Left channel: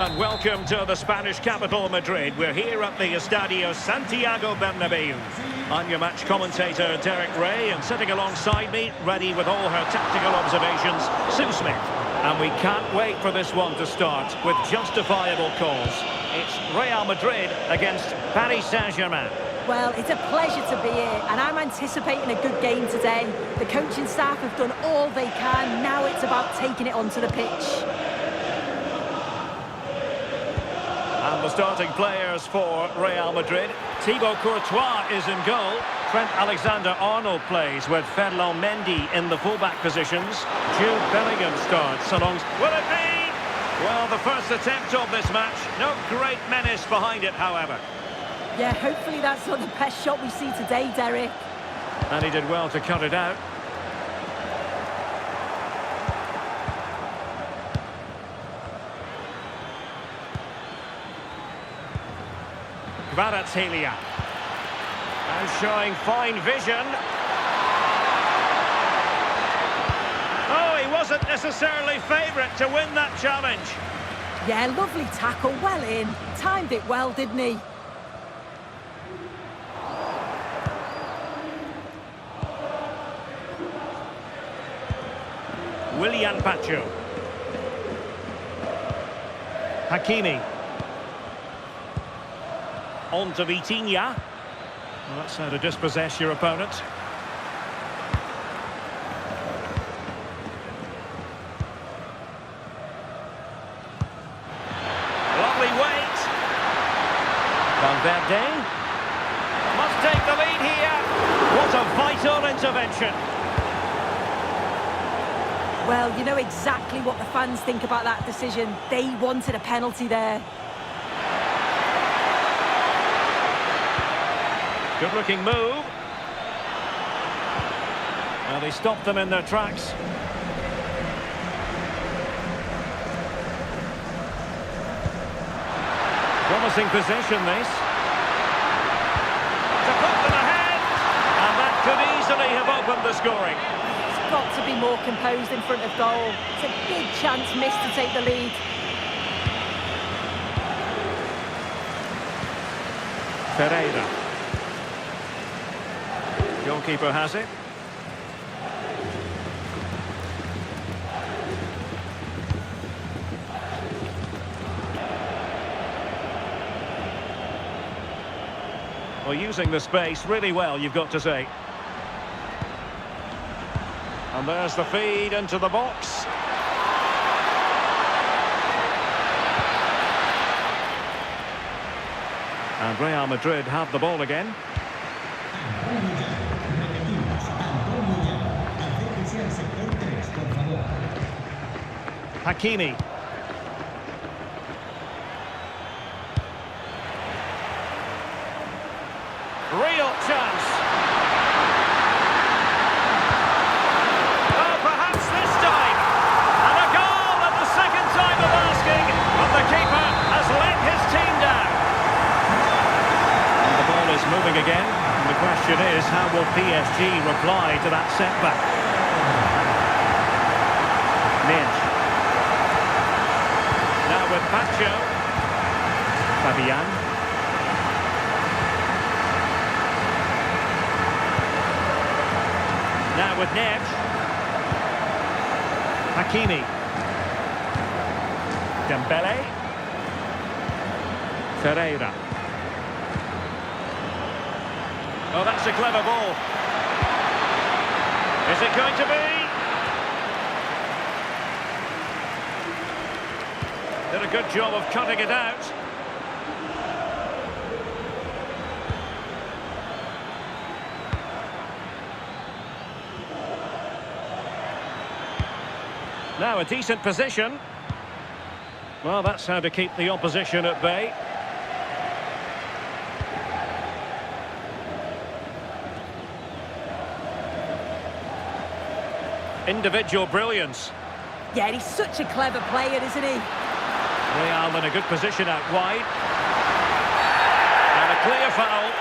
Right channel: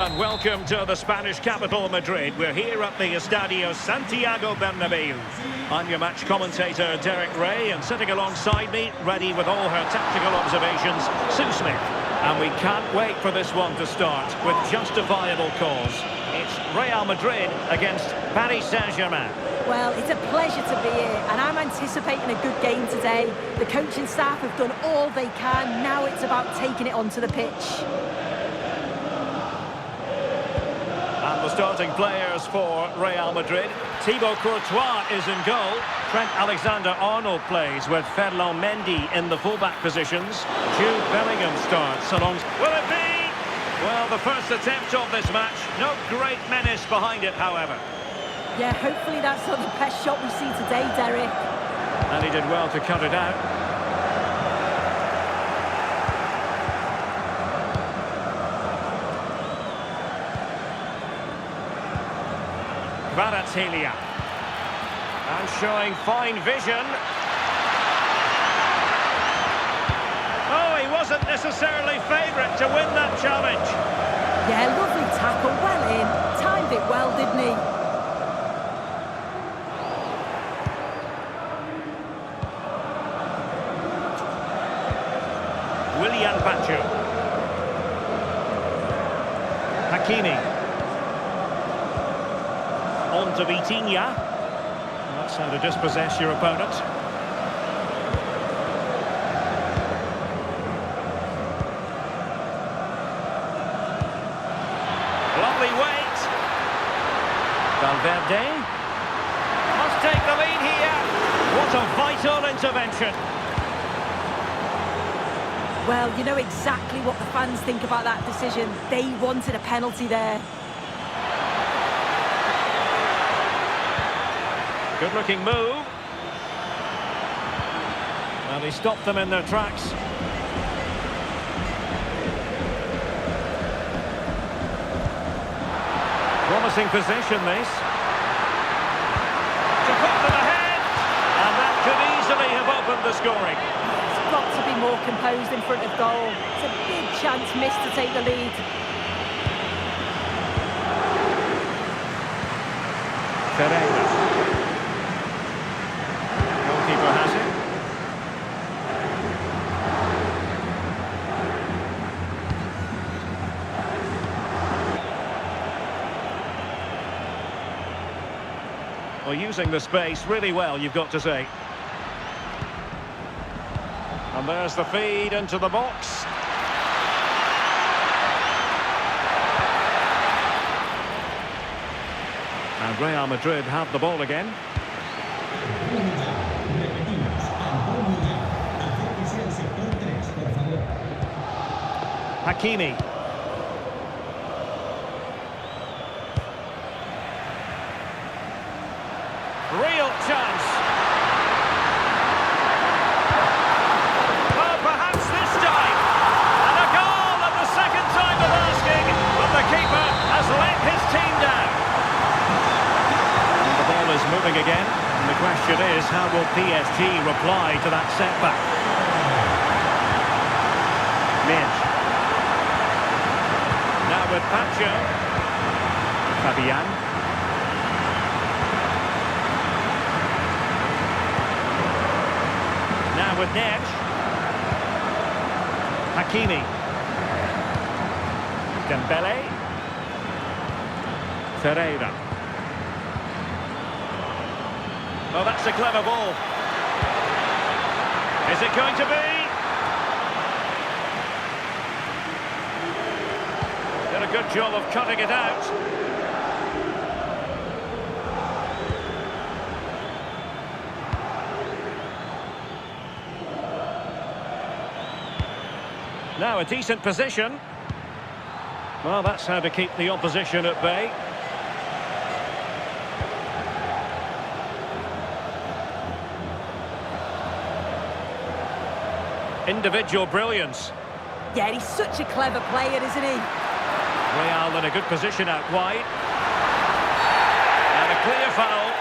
And welcome to the Spanish capital, Madrid. We're here at the Estadio Santiago Bernabeu. I'm your match commentator, Derek Ray, and sitting alongside me, ready with all her tactical observations, Sue Smith. And we can't wait for this one to start with justifiable cause. It's Real Madrid against Paris Saint-Germain. Well, it's a pleasure to be here, and I'm anticipating a good game today. The coaching staff have done all they can. Now it's about taking it onto the pitch. And the starting players for Real Madrid. Thibaut Courtois is in goal. Trent Alexander-Arnold plays with Ferland Mendy in the fullback positions. Jude Bellingham starts along. Will it be? Well, the first attempt of this match. No great menace behind it, however. Yeah, hopefully that's not the best shot we see today, Derek. And he did well to cut it out. Kvaratskhelia. And showing fine vision. Oh, he wasn't necessarily favourite to win that challenge. Yeah, lovely tackle, well in. Timed it well, didn't he? Willian Pacho. Hakimi. On to Vitinha. Well, that's how to dispossess your opponent. Lovely weight. Valverde. Must take the lead here. What a vital intervention. Well, you know exactly what the fans think about that decision. They wanted a penalty there. Good-looking move. Well, he stopped them in their tracks. Promising position, this. To put them ahead. And that could easily have opened the scoring. It's got to be more composed in front of goal. It's a big chance missed to take the lead. Ferreira. Goalkeeper has it. Well, using the space really well, you've got to say. And there's the feed into the box. And Real Madrid have the ball again. Hakimi. Real chance. Oh, perhaps this time. And a goal at the second time of asking, but the keeper has let his team down. And the ball is moving again, and the question is, how will PSG reply to that setback? Minge. Now with Pacho. Fabian. Now with Neves. Hakimi. Dembele. Ferreira. Oh, that's a clever ball. Is it going to be? Did a good job of cutting it out. Now a decent position. Well, that's how to keep the opposition at bay. Individual brilliance. Yeah, he's such a clever player, isn't he? Real in a good position out wide. And a clear foul.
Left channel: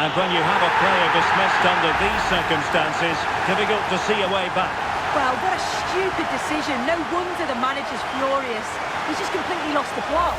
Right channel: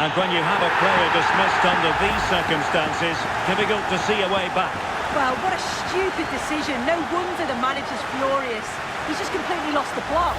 And when you have a player dismissed under these circumstances, difficult to see a way back. Well, what a stupid decision. No wonder the manager's furious. He's just completely lost the plot.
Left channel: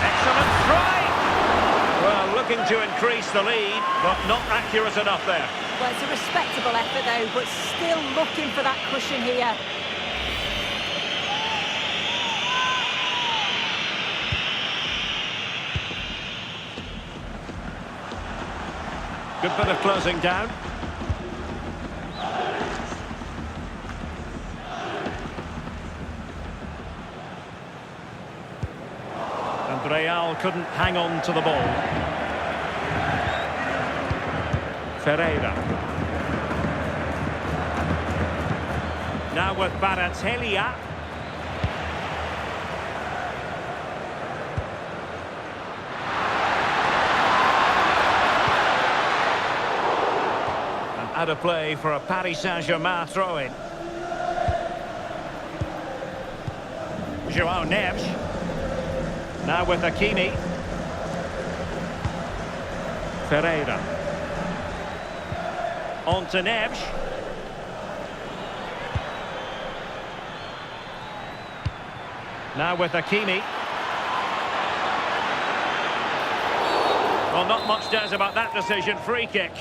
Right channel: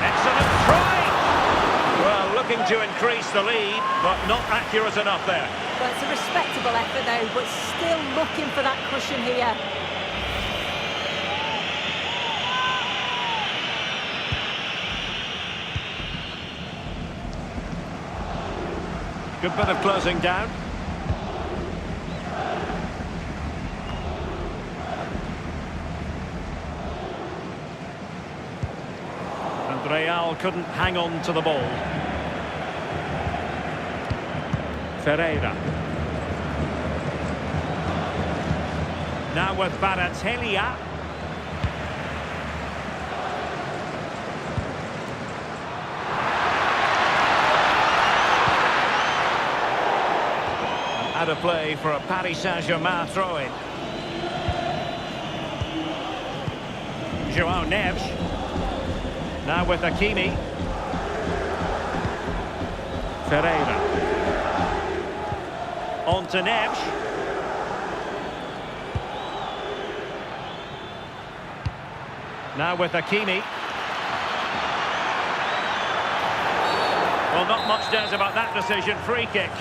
Excellent strike! Well, looking to increase the lead, but not accurate enough there. Well, it's a respectable effort, though, but still looking for that cushion here. Good bit of closing down. And Real couldn't hang on to the ball. Ferreira. Now with Baratelia. And out of play for a Paris Saint-Germain throw-in. João Neves. Now with Hakimi. Ferreira. On to Neves. Now with Hakimi. Well, not much doubt about that decision. Free kick.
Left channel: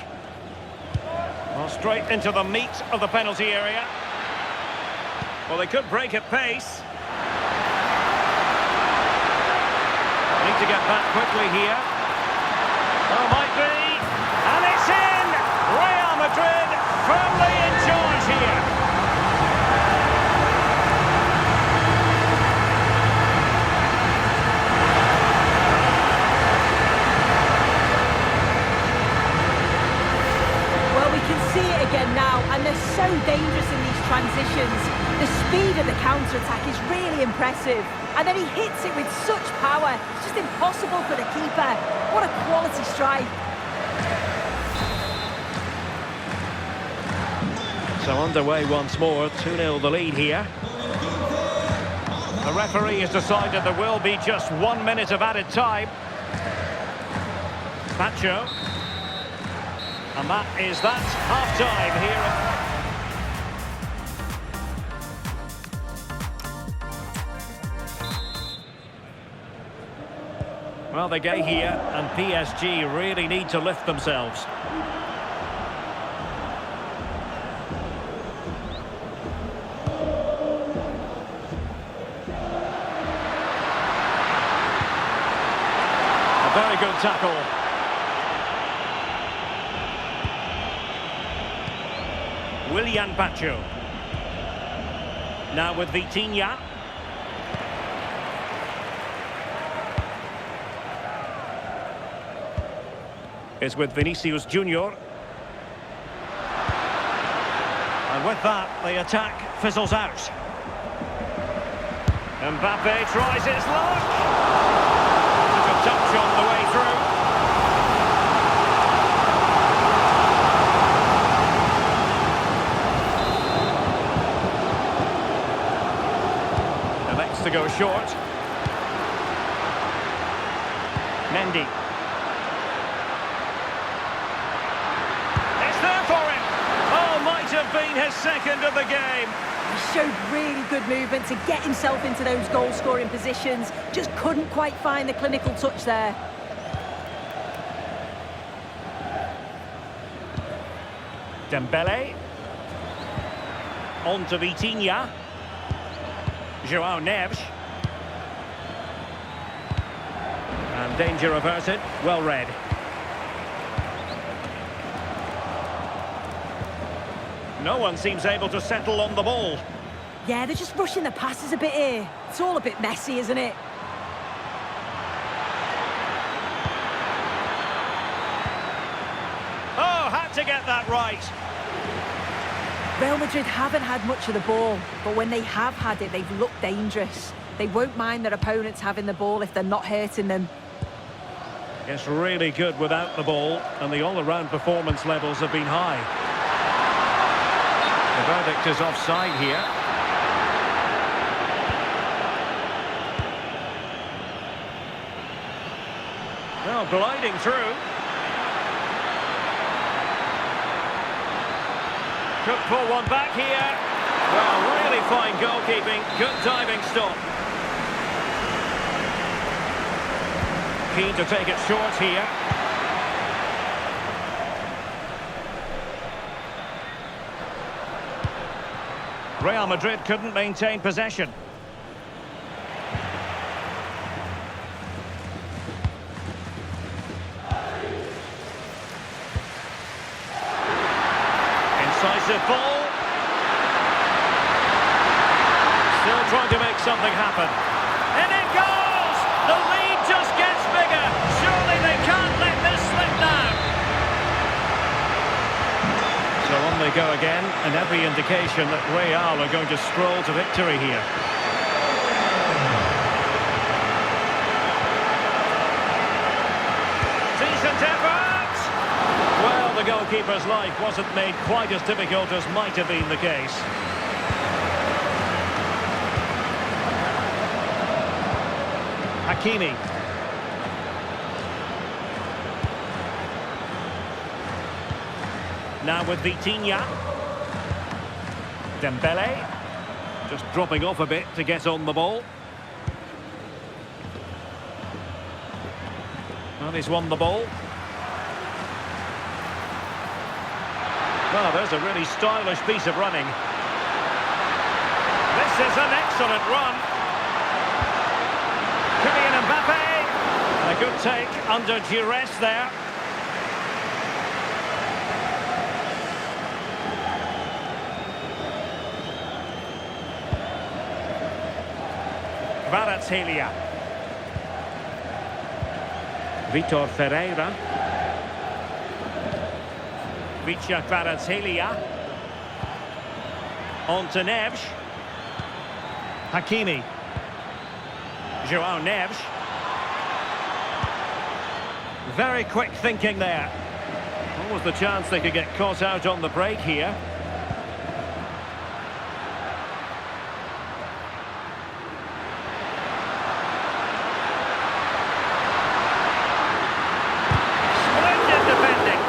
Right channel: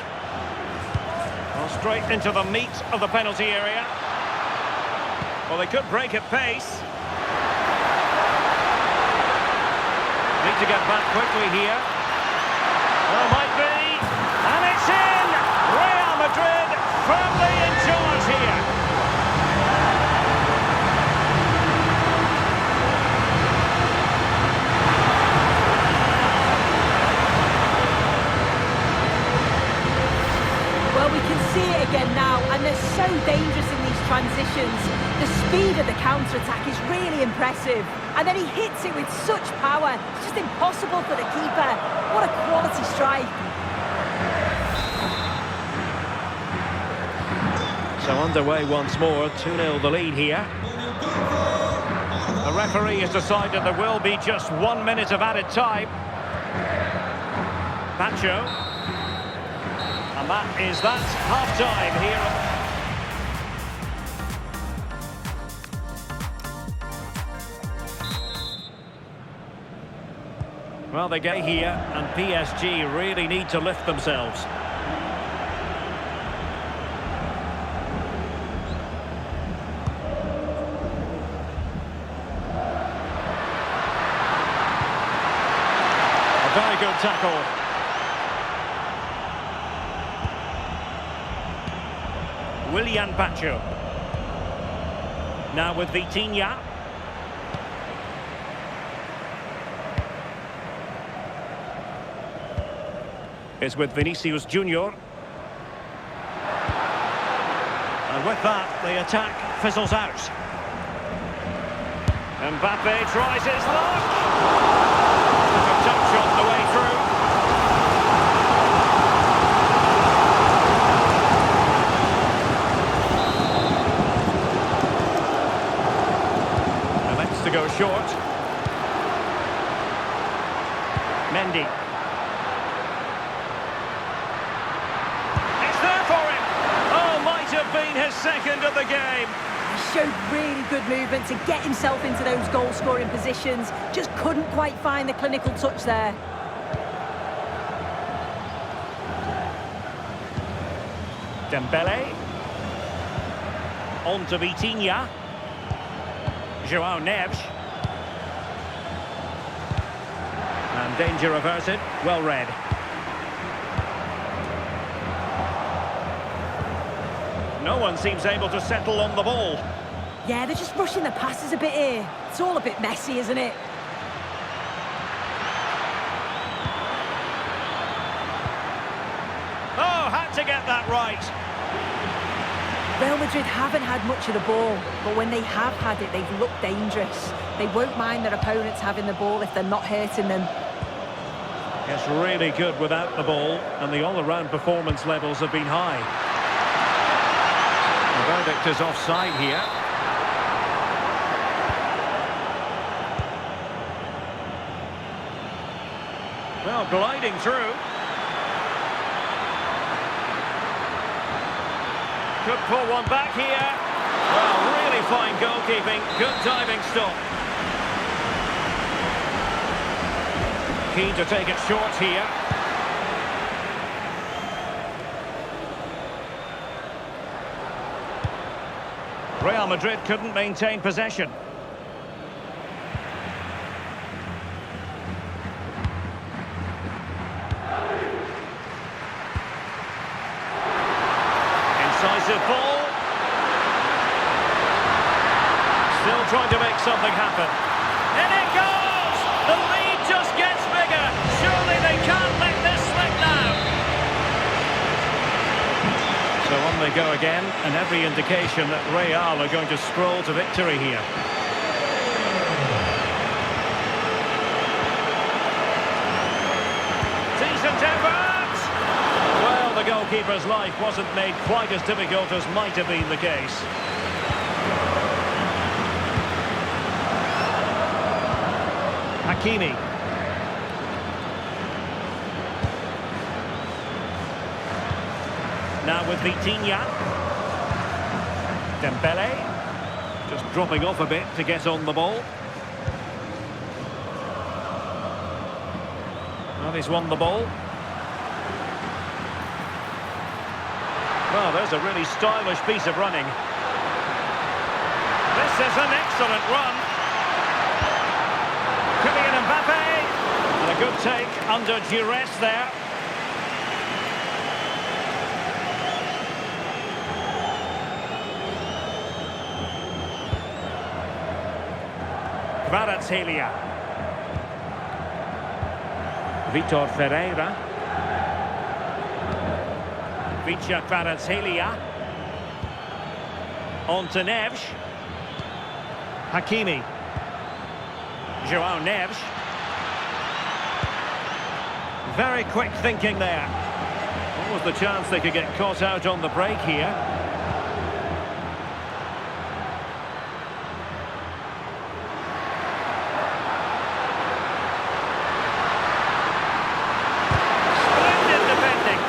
Well, straight into the meat of the penalty area. Well, they could break at pace. Need to get back quickly here. Oh, might be. And it's in! Real Madrid firmly in charge here. Well, we can see it again now, and they're so dangerous in these transitions. The speed of the counter-attack is really impressive. And then he hits it with such power. It's just impossible for the keeper. What a quality strike. So underway once more, 2-0 the lead here. The referee has decided there will be just 1 minute of added time. Pacho. And that is that, half-time here. Well, they get here, and PSG really need to lift themselves. A very good tackle. Willian Pacho. Now with Vitinha. Is with Vinicius Junior. And with that, the attack fizzles out. Mbappe tries his luck. Took a touch on the way through. Elects to go short. Mendy. There for him. Oh, might have been his second of the game. He showed really good movement to get himself into those goal-scoring positions. Just couldn't quite find the clinical touch there. Dembele. On to Vitinha. João Neves. And danger averted. Well read. No one seems able to settle on the ball. Yeah, they're just rushing the passes a bit here. It's all a bit messy, isn't it? had to get that right. Real Madrid haven't had much of the ball, but when they have had it, they've looked dangerous. They won't mind their opponents having the ball if they're not hurting them. It's really good without the ball, and the all-around performance levels have been high. The verdict is offside here. Well, gliding through. Could pull one back here. Well, really fine goalkeeping. Good diving stop. Keen to take it short here. Real Madrid couldn't maintain possession. Incisive ball. Still trying to make something happen. And it goes! The lead just gets bigger. Surely they can't let this slip now. So on they go again, and every indication that Real are going to stroll to victory here. Decent effort! Well, the goalkeeper's life wasn't made quite as difficult as might have been the case. Hakimi. Now with Vitinha. Dembele. Just dropping off a bit to get on the ball. Well, he's won the ball. Well, there's a really stylish piece of running. This is an excellent run. Kylian Mbappe. And a good take under duress there. Kvaratskhelia. Vitor Ferreira. Vicha Kvaratskhelia. On to Neves. Hakimi. Joao Neves. Very quick thinking there. What was the chance they could get caught out on the break here? Splendid defending.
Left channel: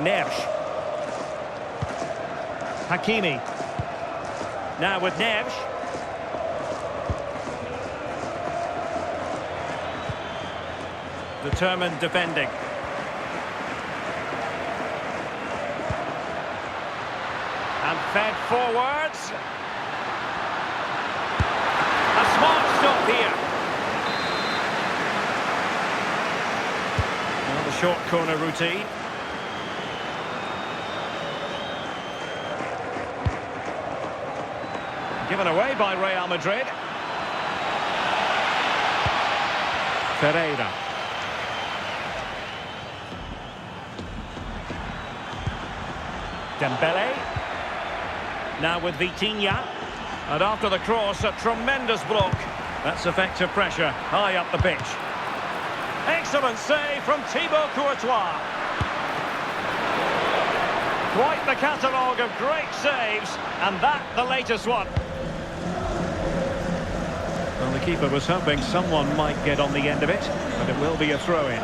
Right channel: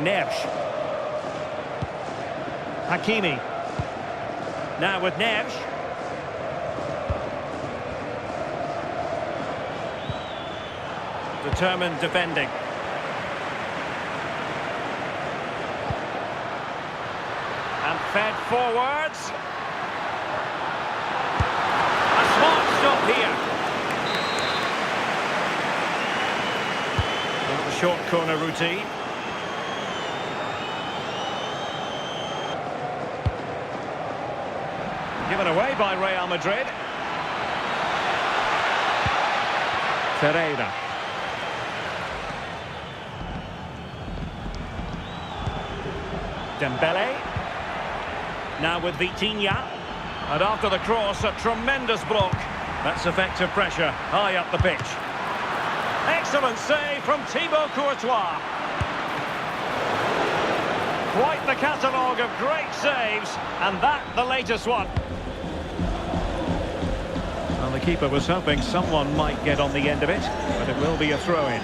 Neves. Hakimi. Now with Neves. Determined defending. And fed forwards. A smart stop here. Well, the short corner routine. Given away by Real Madrid. Ferreira. Dembele. Now with Vitinha. And after the cross, a tremendous block. That's effective pressure high up the pitch. Excellent save from Thibaut Courtois. Quite the catalogue of great saves, and that the latest one. Well, the keeper was hoping someone might get on the end of it, but it will be a throw-in.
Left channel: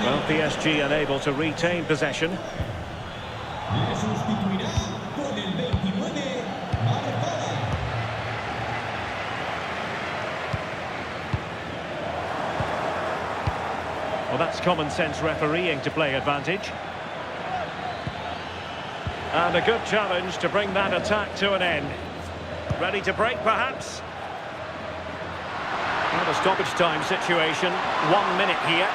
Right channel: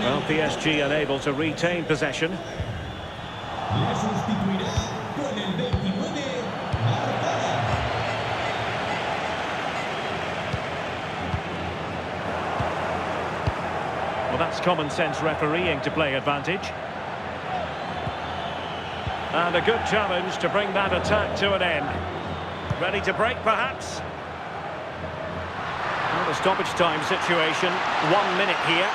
Well, PSG unable to retain possession. Well, that's common sense refereeing to play advantage. And a good challenge to bring that attack to an end. Ready to break, perhaps? Well, the stoppage time situation, 1 minute here.